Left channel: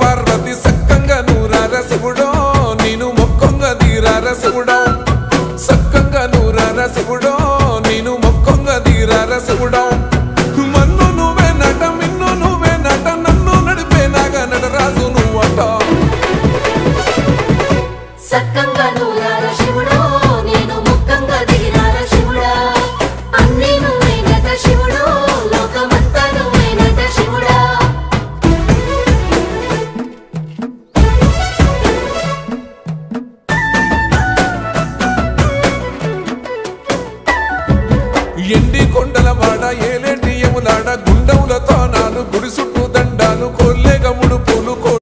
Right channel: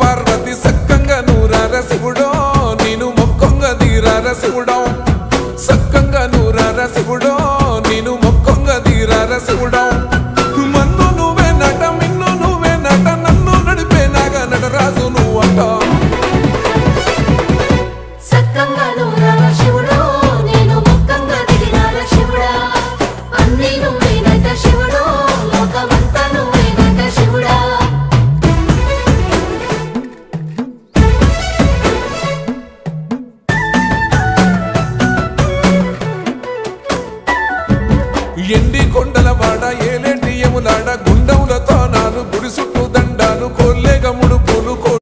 పార్వతి సక్కంగా నూరార శివుడో నేను మొక్కంగా దీరార శివుడో సక్కంగా నూరార శివుడో నేను మొక్కంగా దీరార శివుడో మన్ను నువ్వే నట మిన్ను నువ్వే నట నన్ను నడిపే నాగా నటరాజు నువ్వంట ఎండి కొండలవాడ ఏలేటి యములాడ గుండములతో నాలు గుడి చుట్టూ దండాలు కొల్లేగ ముడుపులు